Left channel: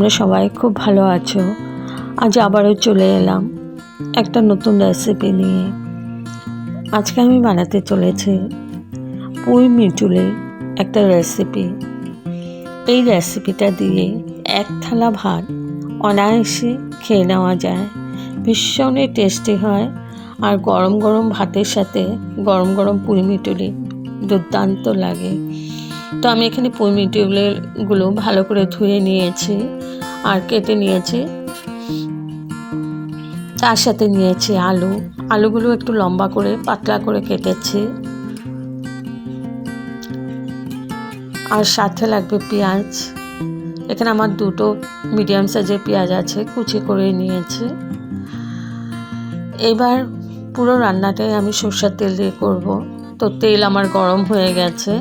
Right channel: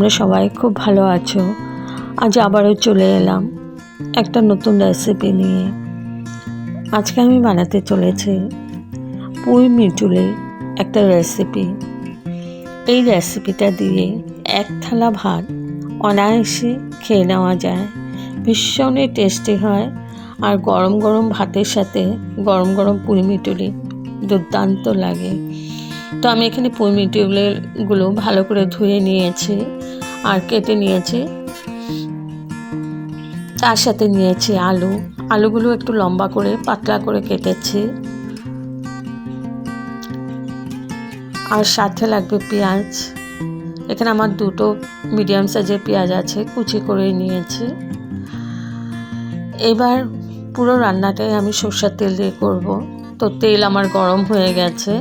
তোমরা সবাই খুব ভালো আছো। আজ আবারও চলে এলাম একটা নতুন রেসিপি নিয়ে। আজকে আমি বানাতে চলেছি পুঁই মিটুলের একটা রেসিপি। এই রেসিপিটা দিয়ে এক থালা ভাত অনায়াসে খেয়ে নেওয়া যায়। ভীষণই টেস্টি হয়, আর গরম গরম ভাতের সাথে গরম গরম পুঁই মিটুলি দুর্দান্ত লাগে। তো আমি এখানে পুঁই মিটুলিগুলো ভালো করে ধুয়ে নিয়েছি আর কেটে নিয়েছি। তার সাথে নিয়েছি আলুগুলো একটু লম্বা করে পাতলা করে কেটেছি, আর সাথে লাগবে পেঁয়াজ। এখানে আমার দুটো মিডিয়াম সাইজের পেঁয়াজ আছে, কুচি করে নিয়েছি। এবার পুরো রান্নাটাই আমি সরষের তেল দিয়ে করব। তো তেল আমার গরম হয়ে গেছে।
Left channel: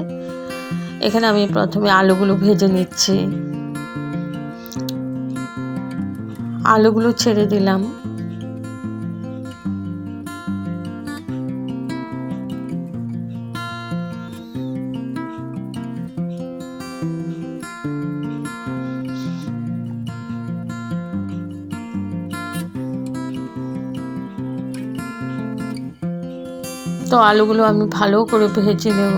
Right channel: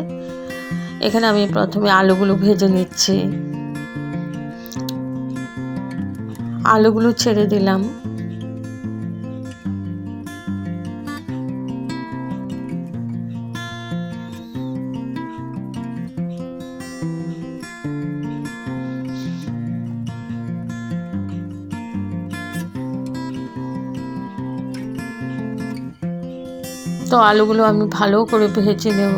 এখানে আমি প্রথমে আলুগুলো ভেজে নিচ্ছি। আলুগুলো ছেড়ে দিলাম। তো আলুগুলো আমি ভালো করে ভেজে নেব।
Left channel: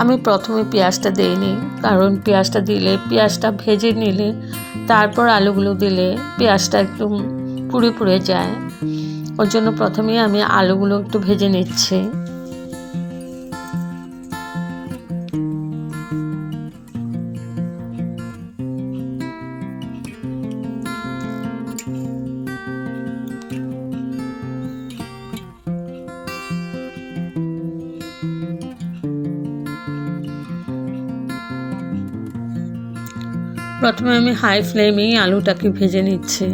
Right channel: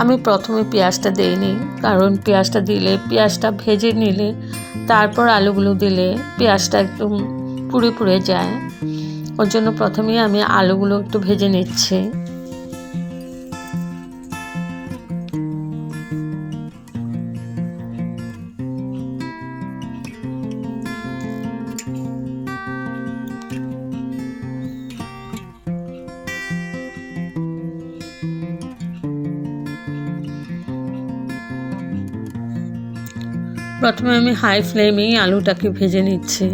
আমি প্রথমে পেঁয়াজটা দিইনি, কারণ পেঁয়াজটা দিলে, পেঁয়াজটা ভেজে নিলে তারপর আলুগুলো দিলে পেঁয়াজটা একটু পুড়ে পুড়ে যায়। ওর জন্য প্রথমেই আমি আলুগুলো একটু ভেজে নিচ্ছি। প্রথমে আমি হাই ফ্লেমেই আলুটাকে ভেজে নিচ্ছি।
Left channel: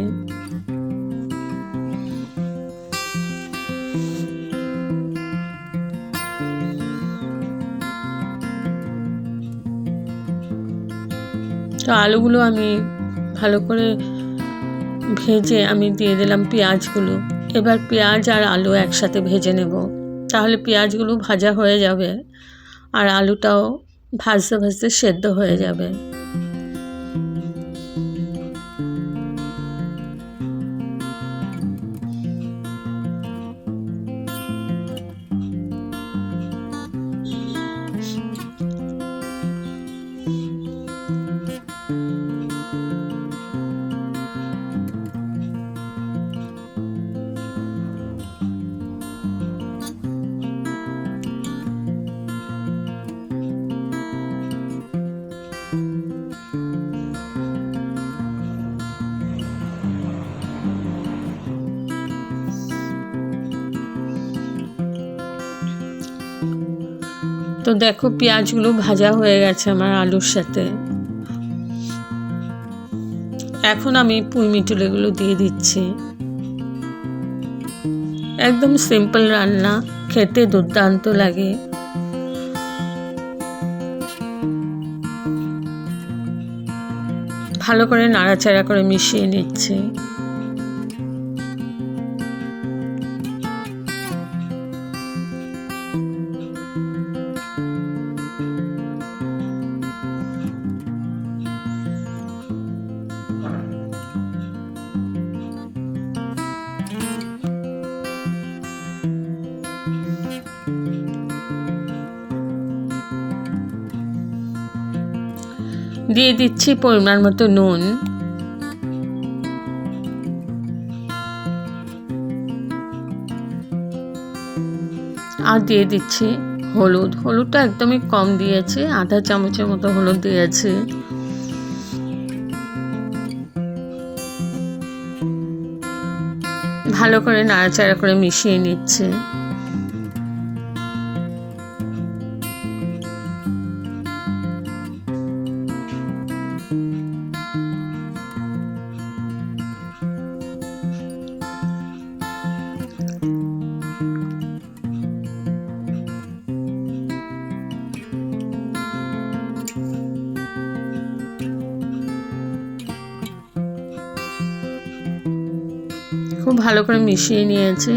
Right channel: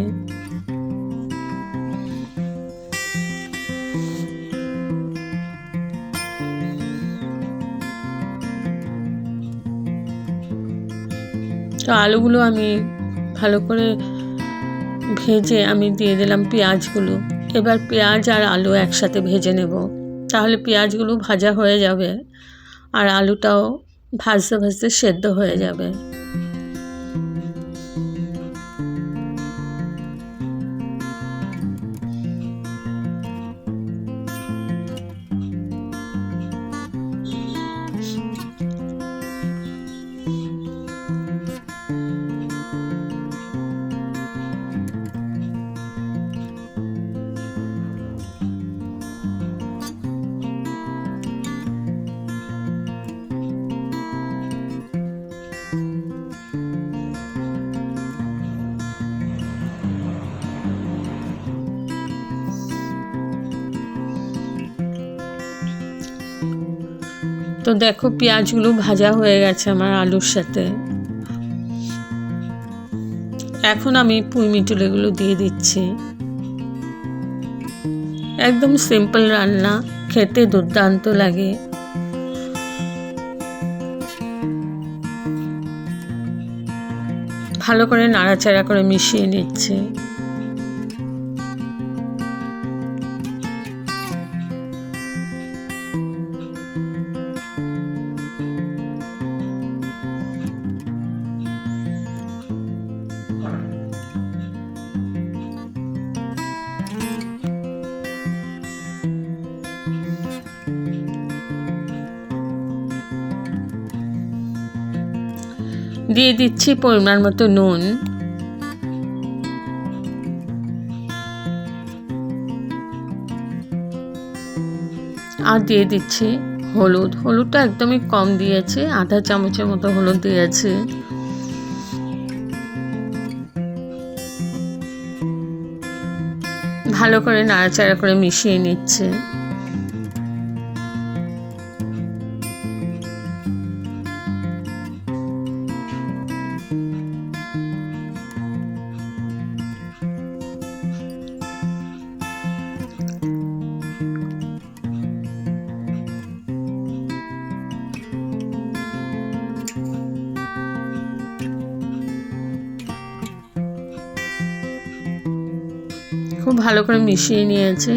তো আলুগুলো আমি ভালো করে ভেজে আমি দিয়ে দিলাম পেঁয়াজগুলো। এবার পেঁয়াজ আর আলু একসাথে ভেজে নেব, তাহলে পেঁয়াজগুলো ভাজা হয়ে যাবে আর আলুটাও ভাজতে ভাজতে সেদ্ধ হয়ে যাবে। তো দেখো, পেঁয়াজগুলো ভাজা হয়ে গেছে আমার আলুর সাথে। এখন আমি পুঁই মিটুলিগুলো দিয়ে দিচ্ছি। একদম সিম্পল রান্না, খেতে দুর্দান্ত লাগে। ভালো করে নাড়াচাড়া করে মিশিয়ে নিচ্ছি। দিয়ে দিচ্ছি পরিমাণ মতো নুন। আর দিয়ে দিচ্ছি হলুদটা একদমই কম দিয়েছি, আধা চামচের মতো হলুদ দিয়েছি। ভালো করে নাড়াচাড়া করে মিশিয়ে নিচ্ছে। খুব ভালো করে মিশিয়ে নিয়েছি,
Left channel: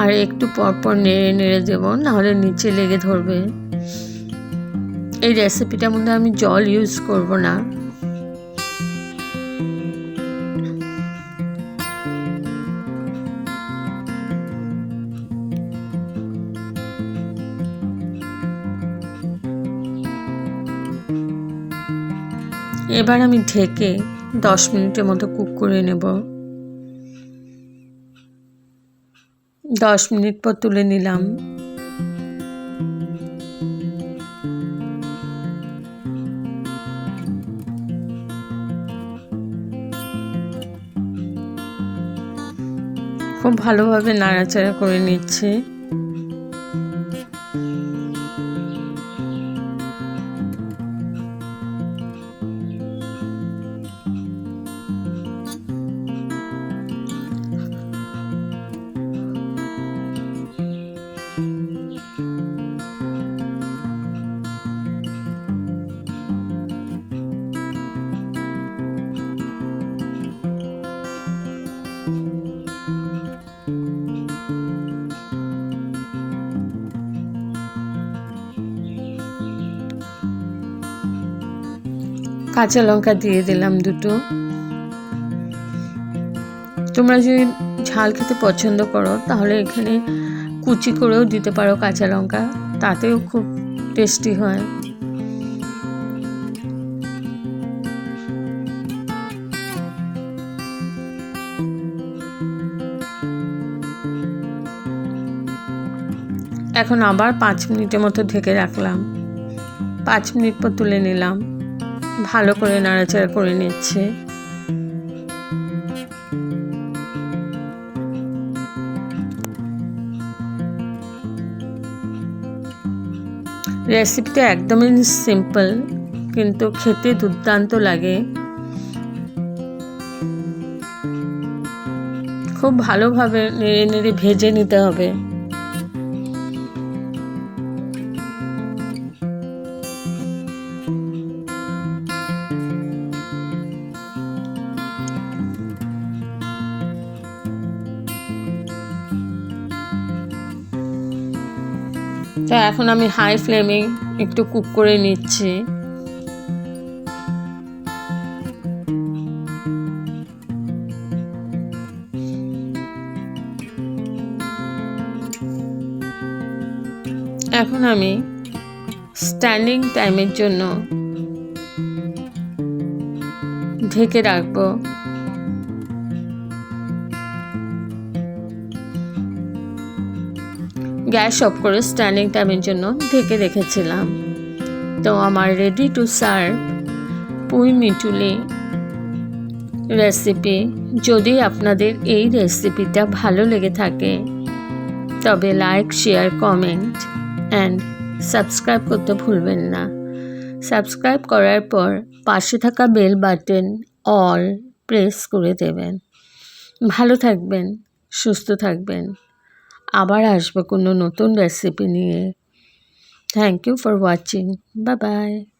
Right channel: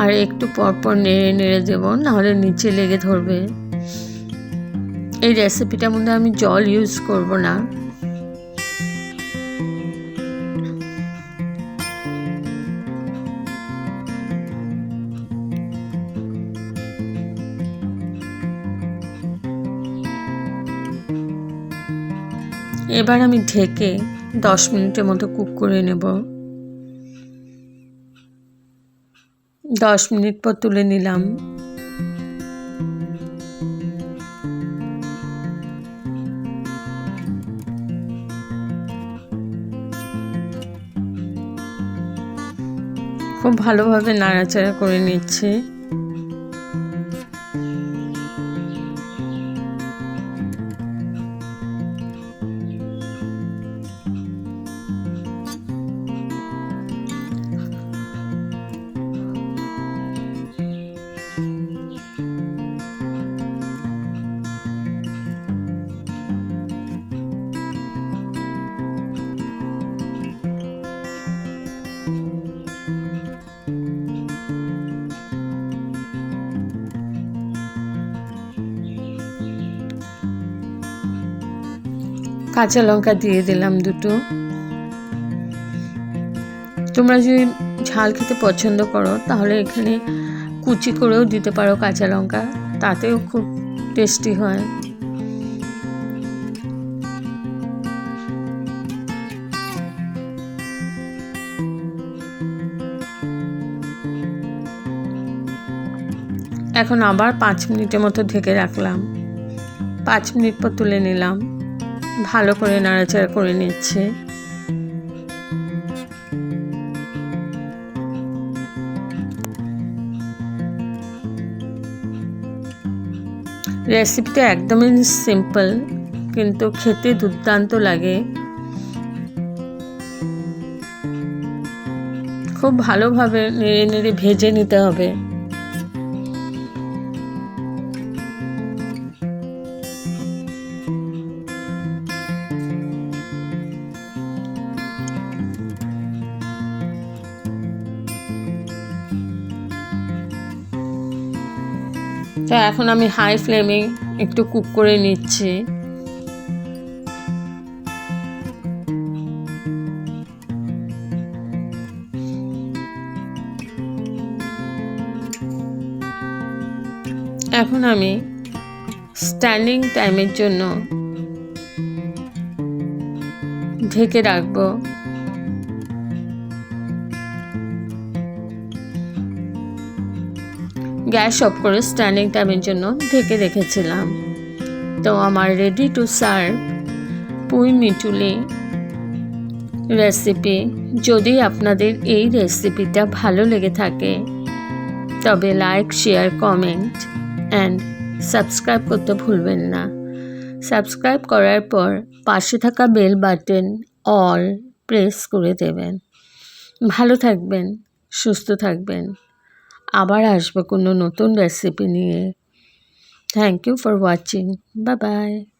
আর একটু পরপর নেড়ে নেড়ে দেবো, নাহলে নিচে লেগে ধরবে। এই রেসিপিটার মধ্যে আমি জল ইউজ করব না। এবার আমি ঢেকে 10 মিনিটের মতো কুক করে নেব। 10 মিনিট পর তুলে নিলাম। খুব ভালোভাবে নাড়াচাড়া করে নিচ্ছি। কাঁচা লঙ্কা দিয়ে দিলাম 2টো। তোমরা যদি ঝাল খেতে পছন্দ করো তাহলে এখানে কুচি করেও দিতে পারো কাঁচা লঙ্কা, তাতেও খুব টেস্টি হয়। এখন আবার 5 মিনিটের মতো ঢেকে রাখলাম। 5 মিনিট পর তুলে নিলাম। ভালো করে নাড়াচাড়া করে নিচ্ছে। রেসিপিটা একদমই সিম্পল, কিন্তু খেতে দুর্দান্ত লাগে। খুব ভালোভাবে নেড়ে নেড়ে ভেজে নিতে হবে। তো এখন আমি হাই ফ্লেমে একটু কুক করে নিচ্ছি। এখন আমি স্ট্যান্ডিং টাইমের জন্য ঢেকে রাখবো। গ্যাস অফ করে স্ট্যান্ডিং টাইমের জন্য ঢেকে রেখেছিলাম। তো আমার রেডি টু সার্ভ পুঁই মিটুলি রেসিপি। যদি আপনাদের এই রেসিপিটা ভালো লেগে থাকে তবে like, share, comment and subscribe করতে ভুলবেন না। সাবস্ক্রাইব করার পর পাশে থাকা বেল বাটন অল প্রেস করে দেবেন। ভালো থাকবেন, সুস্থ থাকবেন। আবার আসবো কোনো নতুন রেসিপি নিয়ে। Thank you for watching. Bye by.